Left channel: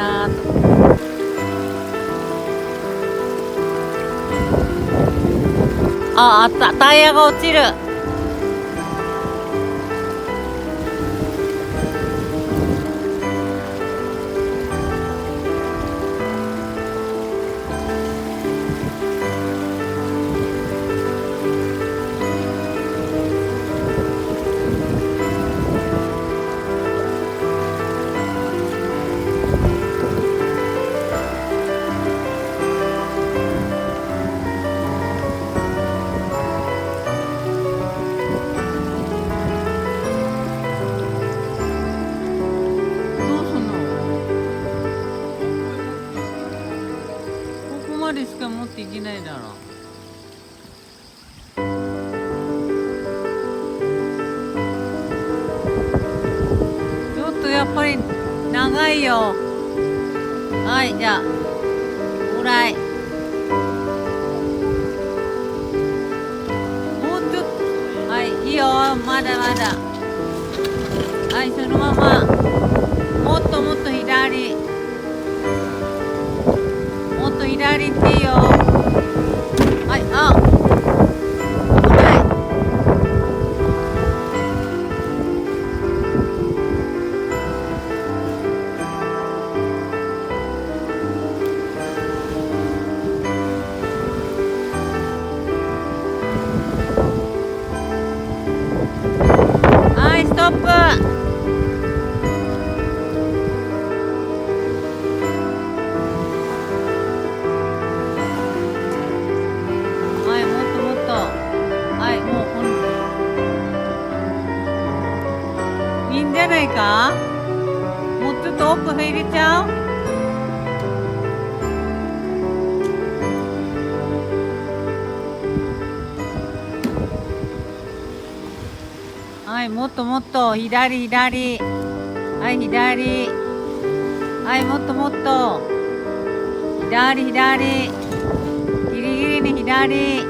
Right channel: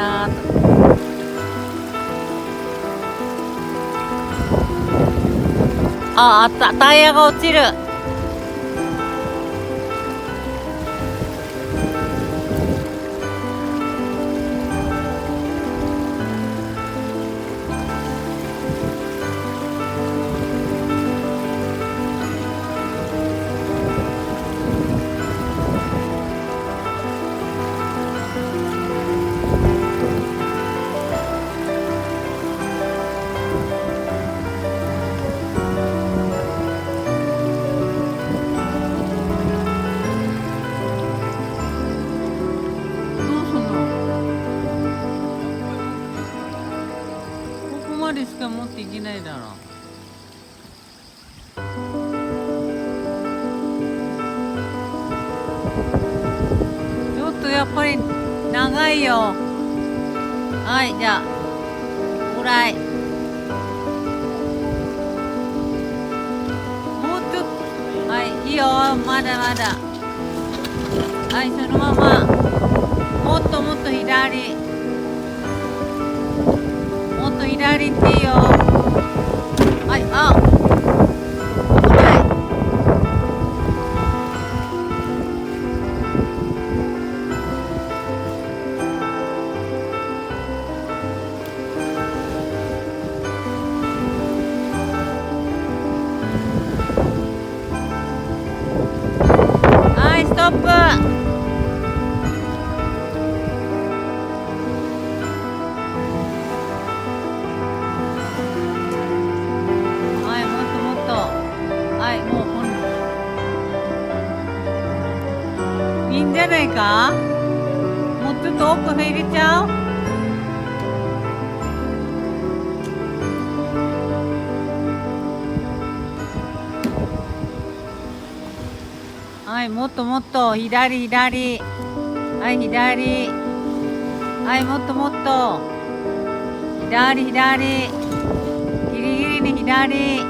なと。あった、タイヤが落ちる。どうすんの？ここまでしか持っていけないだろ。ちょっとやっぱり長いよ。はい、じゃあオーライ。もうちょっと、はい、いいよ、まだまだ。はい、そのまま。もっともっと左。もっと左行っていいよ。はい、あ、危ない。はい、ストップ。はい、もっともっと。はい、もういいんじゃないか。もうちょっと奥入れちゃう。はい、もっともっと左左。はい、左。はい、もっともっと左左。ギリギリに左。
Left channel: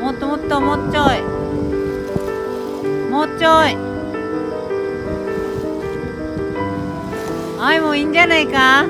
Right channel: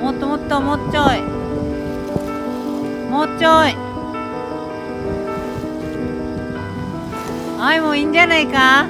もっともっと、もうちょい。もうちょい。はい、もういいんじゃないか。